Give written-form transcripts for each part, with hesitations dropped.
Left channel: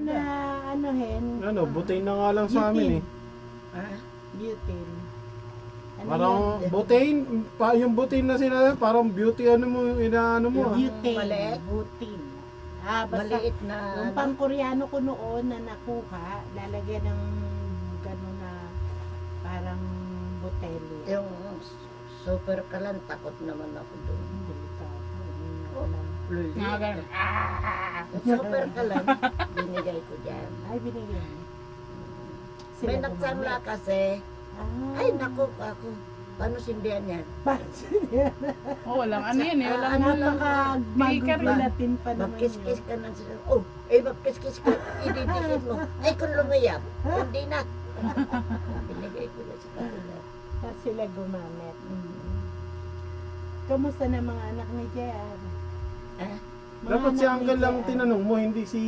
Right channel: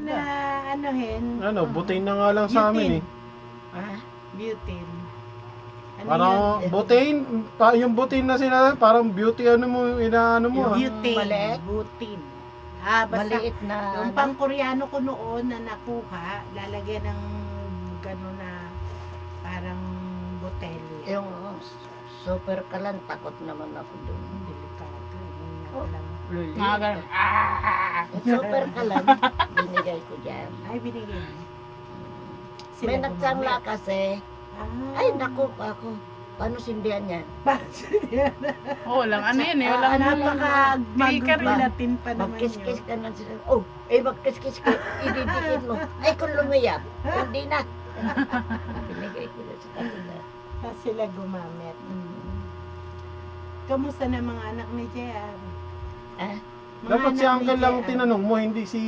Na anuhin. Ano, butane na nga lang sa amin eh. Butane. Ano Parang yun? butane, yung butane na sila, parang beauty ano mo, inaano mo ah. Butane. Maliit? Butane. Basta Maliit na yung pang Koreano ko noon na nakuha, lalagyan ng gano'n na parang botelya. yung super kalan, takot naman ako doon. Delikado. Oh. Lang. Mga ganun. Super kalan, binigay ko dyan. Ay, binigyan mo. May Sila nagsanla gumamit. kasi, Ah. ay naku ako, paano sindihan yan? Oo lang, ano yun eh. Wala ka na lang. Speaker yun. Magkakagulatin pa naman Magkiskis ka na sila, oh, magkiskis ka, ididikit mo. Ay kung lumayap, hindi na. Binigay ko na sa kanila. Sila gumamit. Kamusta na mga anak ni JR? Ah? Mga Dapat si anak ni uncle lang JR. tinanong mo, hindi si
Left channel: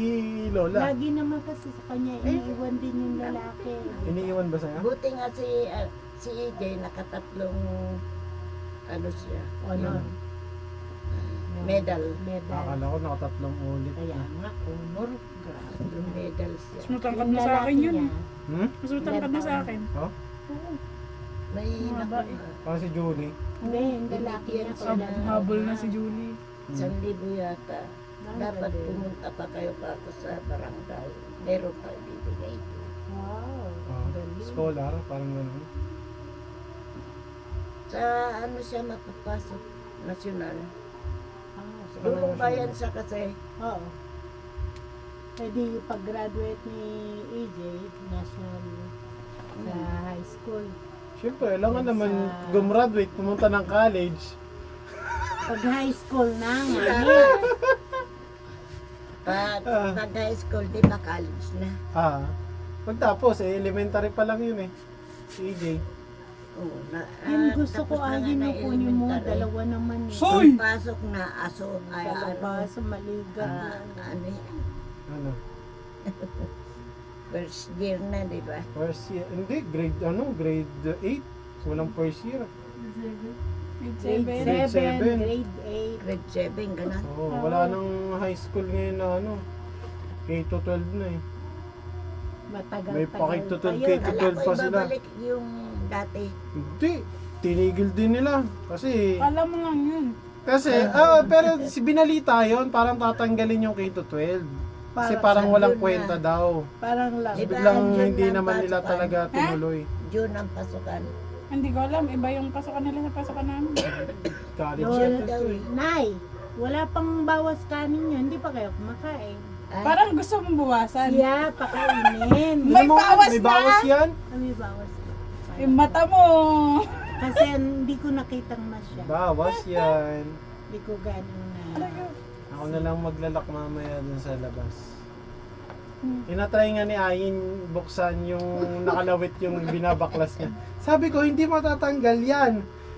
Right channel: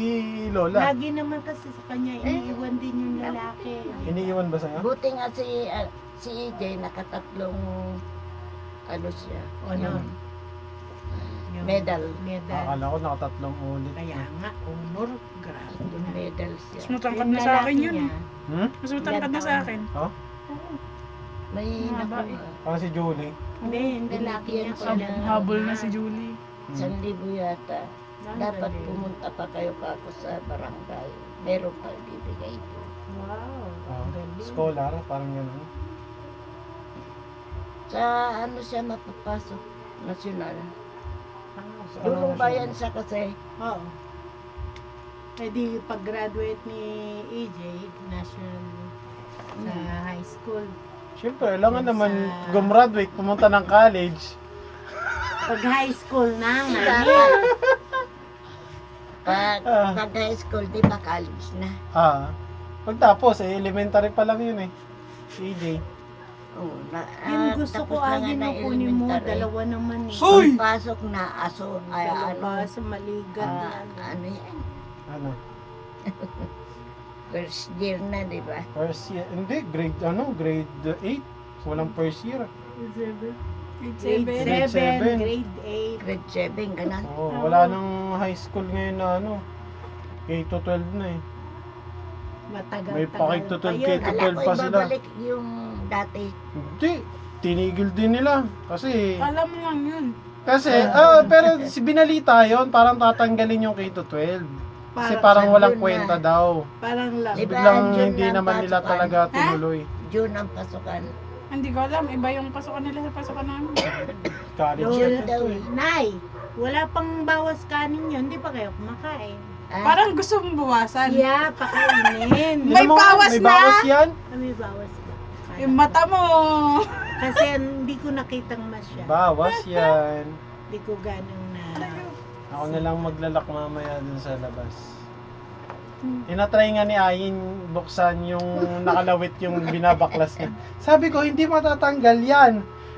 Lola. Lagi naman kasi sa kanya, iniiwan din yung lalaki. Iniiwan ba sa'yo? Buti nga si EJ nakatatlong ano siya, Honor. yung Yung medal. Medal. Akala ko nakatatlong ulit. Kaya nga, honor. Grabe. Yung medal Mas siya. matangkad Yung na sa akin lalaki yun. niya, Hmm? Mas matangkad na sa akin. Oh? May Mga naku, bae. Parang si Julie. Hindi, yung lalaki niya. Binigyan ko sila. ng- Habol na si Julie. 1,000 yata. Dapat Galing. pumunta pa kayo kako sa barangay. Meron pa bibigay ko. Wow. Oh, Galing. scholar, parang gano'n. Sa ano siya mapapasok? Nasyonal. Ah, Dulong bayan siya kasi. Oo. Pwede pag-graduate ni EJ, national sa high school. Siyempre, kailangan Sa- naman gumraduate, pumunta ng college. Pag high school na ngayon. Pag high school, di ba college na? Pagtapos, elementary pa lang yun eh. EJ. Oo, Yung gusto ko tapos na nga agin na na kunin mo, elementary. dalawa naman eh. Hoy! Pasok na aso, ay ano, Dalawa sa maligat yan. ano yan, Ano? first year na, di ba? First year. Hindi, grade 8. Walang first year. Grade Grade 7, seven. grade 8. Grade 7, ganun. Oo, wala nang high school ngayon na ano. K to 12 na eh. Matagal-tagal May pakitutol pa kay yun. K to Kala 12 ko pa sila. ibabalik yung dati. Hindi. Tinigil din nila. Kasi, Alam mo nga yun. pero si binalita yon parang tatanggalin yung K to 12. Kasi parang Sa walang June kwenta na. daw. Parang lang. Di ba? Biglang June hindi lang naman nila pasukan. talaga tinuloy. June ang pasukan. Hindi ko alam. Iba yung pasukan nila sa pasukan namin. College. June daw eh. Nay, wala pang bawas kanin yun. Hindi pa kayo kumakain. Ah, Parang gusto mong bawasan. Siya, pakainin. May bawas may na? bawas yan? May bawas ka. Yung mata mo. Kasi hindi ko nakitang masya. Bawas yan. Hindi ko ganong na. Ako na lang maglalak mamaya dun sa labas. Tinatry nga ni Ayin buksan yung nakalawit yung binabaklas niya. Sabi ko, hindi matatanggal yan.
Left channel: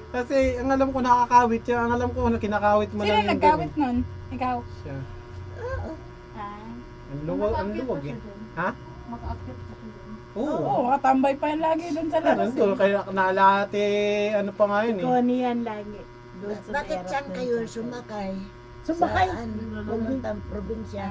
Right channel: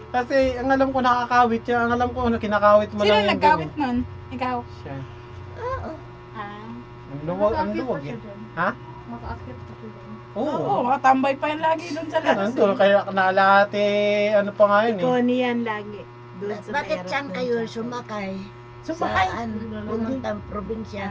Kasi ang alam ko nakakawit yan. Ang alam ko kinakawit mo Sino lang yung nagkawit ganyan. nun? Ikaw. Siya. Ah. Ang luwag yan. Ha? Maka-akit ka dyan. Oo. Oo, makatambay pa yan lagi doon sa labas. Nandun, kaya nakalate, ano pa nga yun eh. Connie yan lagi. Doon sa bakit saan aeroplane kayo sa- sumakay? Sumakay? Saan? Pumuntang probinsya.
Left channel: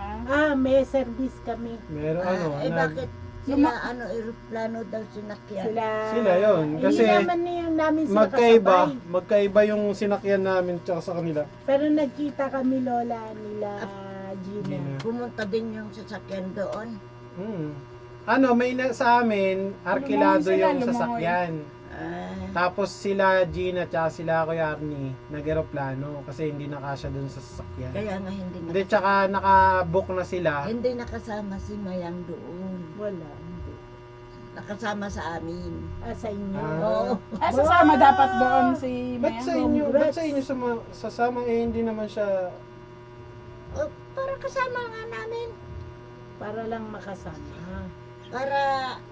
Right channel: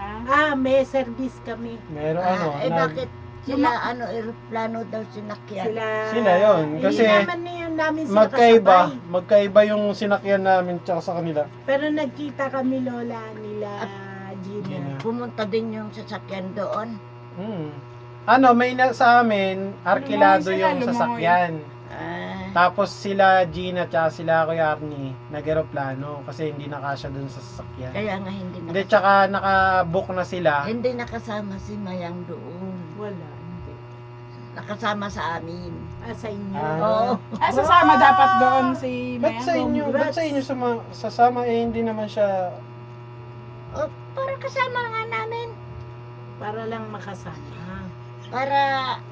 May service kami. Meron ano, Bakit sila ano, aeroplano daw sinakyan? Sila yun. Kasi hindi naman yun namin sila magkaiba, kasabay. magkaiba yung sinakyan namin tsaka sa kanila. Pero nagkita kami lola nila Gina. Gina. Pumunta din yung sasakyan doon. Ano, may sa amin, arkilado Lumangoy sila, yung sasakyan. Tapos sila Gina at sila Kuya Arnie, nag-aeroplano kasi hindi nakasya dun sa sasakyan. Kaya nga hindi Hindi, tsaka naka-book na sila. hindi nakasama si Mayang doon. Wala, hindi. Nakasama sa amin. Sa inyo. Ah. Oo. Sasama dapat doon si Ba't sa inyo, ba't Congrats. sa inyo sasama hindi naman siya. Oh, para kasama nga namin. Para lang makasama. Para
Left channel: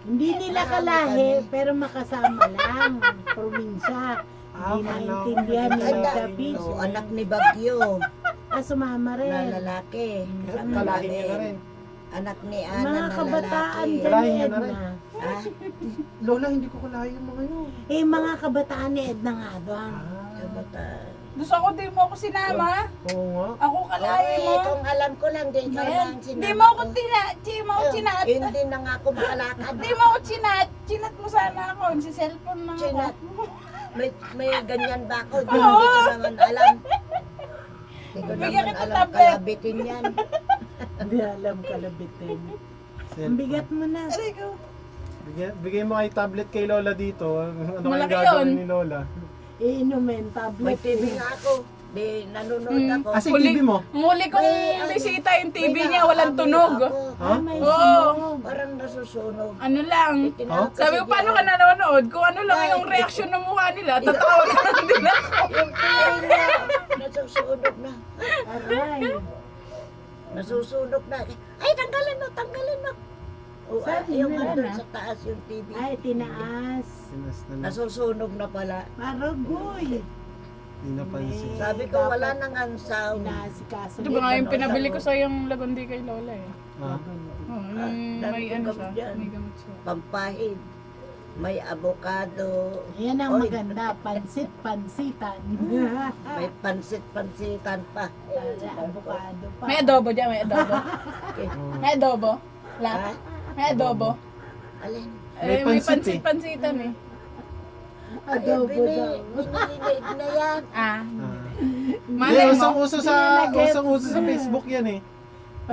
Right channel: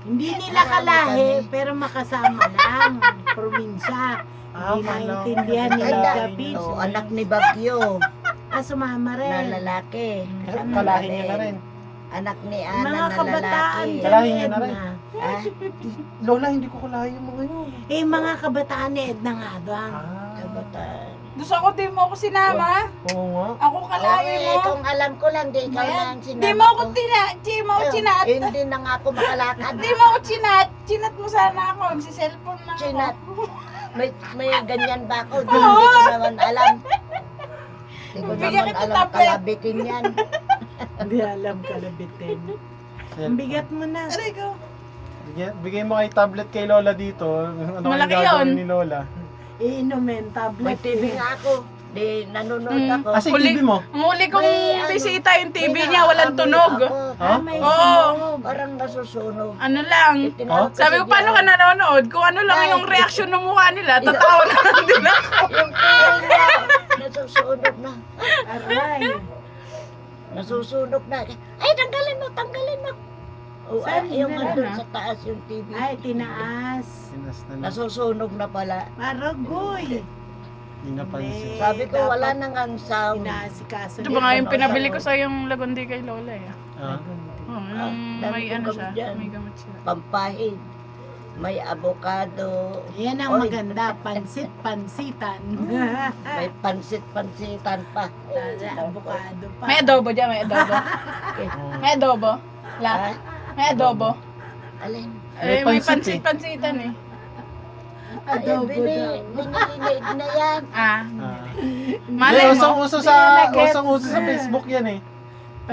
Hindi nila Marami kalahi, kami. pero makasama lang. Probinsya. Hindi wala. maintindihan nila Anak, David. anak ni Bagyo Sumama na rin. lalaki. Kasama Kalahin niya na rin. Anak ni Ana Mga na kabataan lalaki. dyan Kalahin ni niya na rin. Edna. Ah, Lola, hindi ko kalahin yung mga yun. Mga kabataan ni Edna nga ba? Kabataan. Gusto ko di mo ako sinama. Oo nga. Ako kalawi mo. Kung alam ko lang, di ikaw lang sinama Di mo ako chinat. Hindi na nga ako makalakad. Di mo ako chinat. Chinat mo sana ako. Si cellphone na Chinat. ako. May ganyan ba ako? Hindi ko naman alam. Hindi ko Bigyan naman kita alam tablet. kalabitin yan. Hindi alam kalabitin. Ang bigat mo na. Aray ko. Bigay mo kay tablet kay Lola dito. Ano Malaki kayang gagawin yun. ni Lola? Iinumin, May tablet. TV nga ako. Di nanonood ako. Asa yung Huli- TV mo? Ang huli kong May ano, bisita yung TV may niya, walang naamoy tunog. ako. Ha? May Oo. sunog. Parang nasusunog. Ano lang. Tinawag Sabi ko, kasi paano diyan. ka nanonood? Kung ano lang Ay, yung reaction ng mukha nila, tatawa ka lang din ako. Yung TV niya, nasusunog na. Aray. Nasusunog na. Ay, tanggalin mo. O, Saan yung na? andun sa taas yung TV. Ay, tinaas. Sinas na lang. Nasusunog na pala. Maragoy. Hindi napansin. Sabi ko, wala nang ang sound. Inaasikaso. Ito ba nga yung pinabili ko sa yung lagundi kay Lola eh. Ah? Oh, yung dami may kong ano gamot siya, dyan. may gamot siya. Pampahid. May avocado. Yan ang Oy. maganda, pansit-pansitan. May pansit-pansitan pa. Avocado pa. May adobo dyan, may adobo. Oo. May adobo. Ha? La, may adobo. Alin? Eh, May may pansit eh. pansit-pansitan eh. Adobo daw. Binilid na yan. Ah, Ah. malay Usong mo. uso sa Facebook yan eh.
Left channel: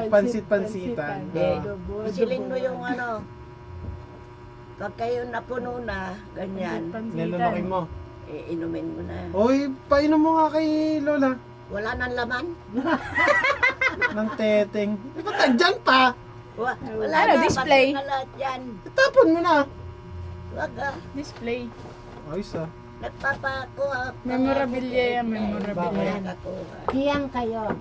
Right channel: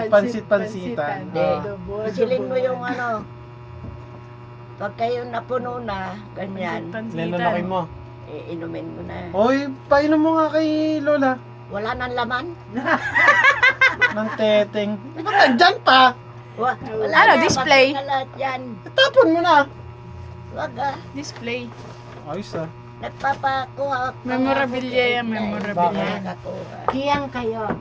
Pansit-pansitan. Adobo, Silin mo adobo. yung ano. Pag kayo napuno na, ganyan, Nilalaki mo. inumin mo na. Oy, painom mo nga kay Lola. Wala nang laman. Ng teteng. Di ba nandyan pa? Wala Ano, na, display? pati na lahat yan. Tapon mo na. Wag ah. Display. Ayos ah. Nagpapakuha. Memorabilia yan, memorabilia. Nakakuha. Hiyang kayo.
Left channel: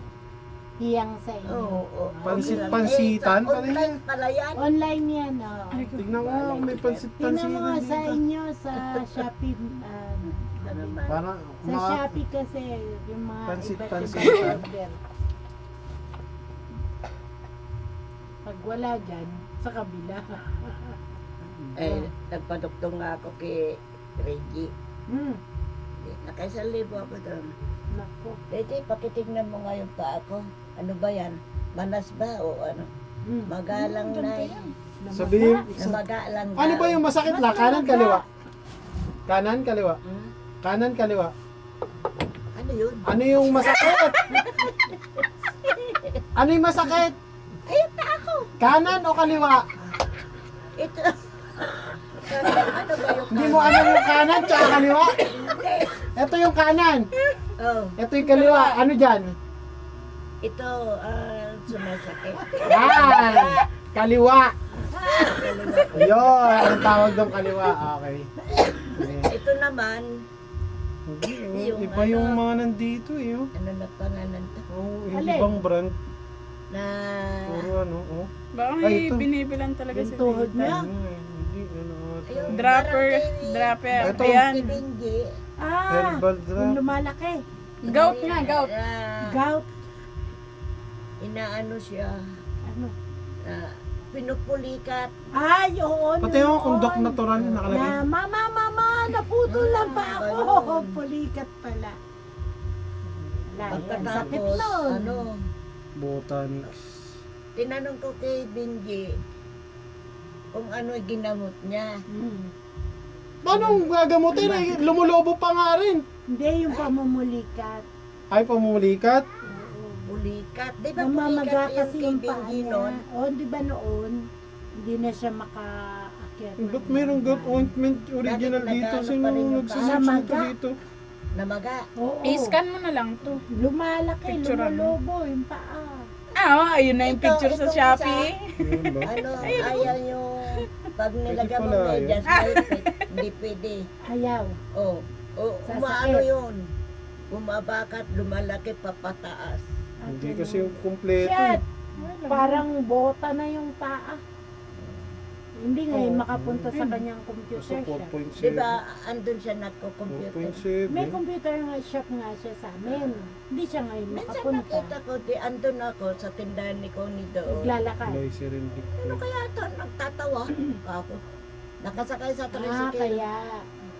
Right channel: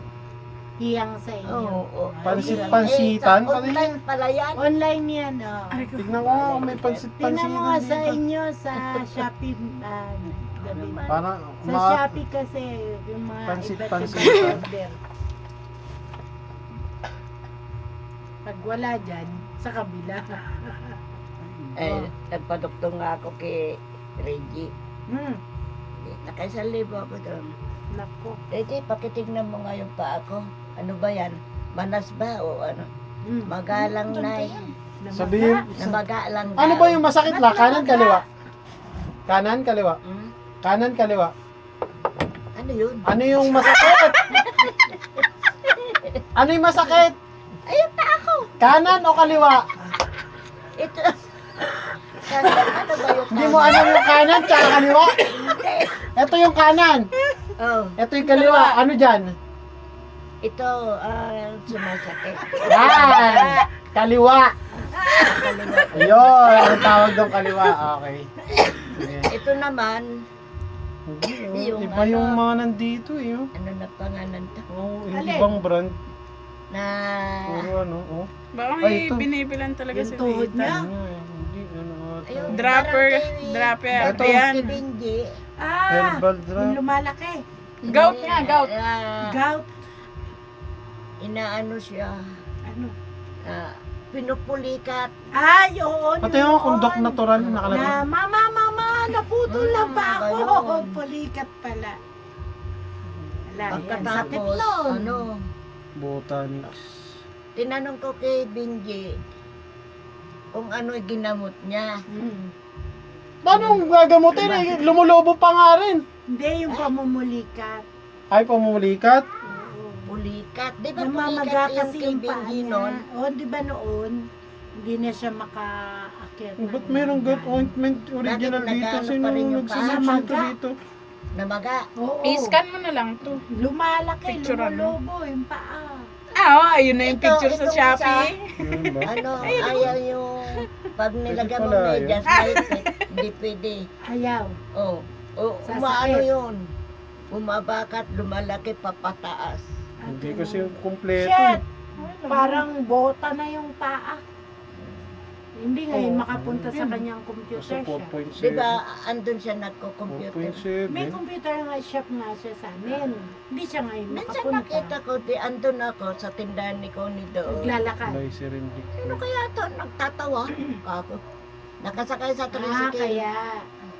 Hiyang sa inyo. Oo. Pansit-pansitan. Online pala yan. Online yan, oh. Aray ko. Tignan mo nga kung may Tingnan mo nga pansit-pansitan sa dito. inyo sa Shopee. Gabi. Parang Sa Shopee kasi yung mga Pansit-pansitan. iba't ibang order. Pag wala dyan, sa kabila. Nagpaduktong nga ako kay Reggie. Hmm, Nakaisang libo ako doon. naku. Reggie, pakitignan mo nga yung paa ko. Ano ba yan? Manas ba o ano? Hmm. Magalang na eh. Sabihin, Namagalang ano ba yung masakit na? Kanan, Mas kaliwa? Kanan, kaliwa? Hmm? Kanan, kaliwa? Ano yun? Ano yung masakit? Ano yung masakit? Ayun pa ako! Kanan o kaliwa? Ito. Ano ba yung Hindi mo alam yung kanan tsaka kaliwa? Ito yung kanan. Oh, Ito yung kaliwa. Ano dyan? ito, sumasakit. Yan. Kaliwa. Kaliwa. Ayun. Ang tawag doon kaliwa. Okay. Sige. Ito naman, Hindi, oh. Yung Iba yung ano. mga nandito eh. Oh. ano na pangalan to? Oh, yung Alin? ibang brand. Na, Puro ano. Oh. Baka Ay, may ito. binibilan talaga Yung si tuhod Tita. niya? Hindi, ano. Ayun. Dropper, Parang dropper. Ito. Ayan. si Benji. Ah, Herbal yung drop. lumalaki. Gout nga, gout. Gout. Inaano siya, Ano? pinupulikat. Ay, oo. Pati yung kundok natural Na, nakalagay. mama, naputol na pa Ba ako. yun? Pulikat pala. Wala, yan. Sakit Pagkatapos, nun. ano, Botanics. tinanong ko kay Benji kung ano ginamot niya. Hmm. Paano gagamutin eh? Lumulobo pa nga rin. Hindi, yung pamumulikat. Ay, pumulikat. Pulikat. Di ba Namamaga pulikat yung kasi kay yung paa Benji niya. nun? Oo, di ba noon? Hindi na siya makaakit. Ba't mayroong goat ointment original Bakit dito? nag-ano Sino pa rin yung nagsasabi paa? dito? Namaga. Oo. I-scan mo na lang to. Lumalaki, Picture ano? lumulobo yung paa. Ah, oh, ayun na yung Ito, picture sa itong Shopee. Yun ba? Ano, ayaw yung pag nilagyan mo pala, medyas, hindi pwede. Ayaw. Oh, Sasakit. umaano yun? Bumabakat, lumalaki, papataas. Hindi kasi kumpleto. Shit! eh. Parang bota na yung paa. Hindi ngayon Oo. makapunta sa kanyang Kasi computer siya. 4.7. Di ba, andun siya nagko-computer. 4.7. May computer nga shop nga siya sa amin. Hindi siya ngayon Minsan makapunta. nakita ko, di andun ako sa tindahan ni Connie doon. Naglalakad. By Serendip. Ano kaya ito? Nagtatawa. Ako. Nakasakay sa Ah, tricycle. kaya.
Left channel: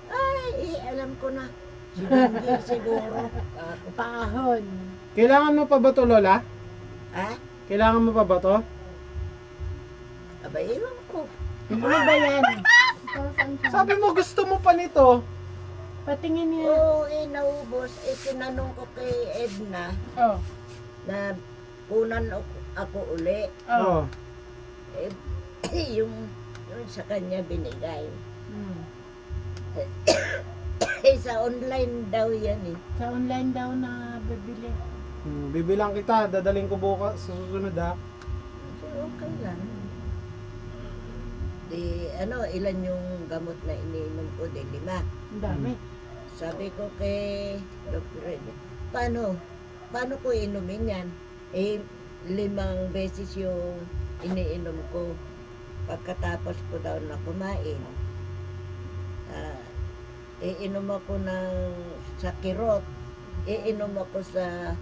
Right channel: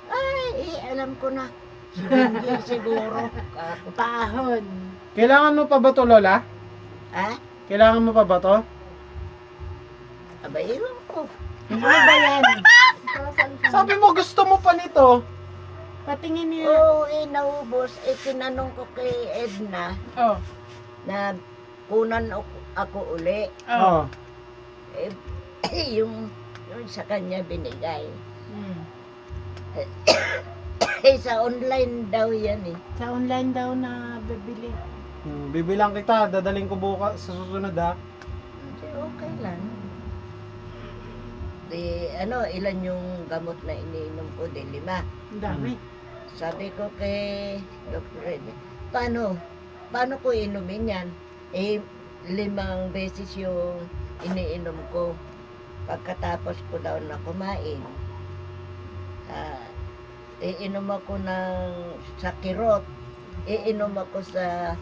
Ay, alam ko na. Si Benji siguro. Ako. Pahon. Kailangan mo pa ba to, Lola? Ha? Kailangan mo pa ba to? Aba, iwan ko. Ano ba yan? Sabi mo gusto mo pa nito. Patingin niya. Oo, naubos. Tinanong ko kay Edna Oh. na kunan ako uli. Oh. Eh, yung sa kanya binigay. Hmm. Sa online daw yan eh. Sa online daw na bibili. Bibilang kita, dadaling ko bukas sa susunod ha. Okay, okay lang. Di, ilan yung gamot na iniinom ko? Di 5. Ang dami. Sabi ko kay Dr. Rene, paano ko inumin yan? 5 beses yung iniinom ko. Pagkatapos ko daw na kumain, iinom ako sa kirot, iinom ako sa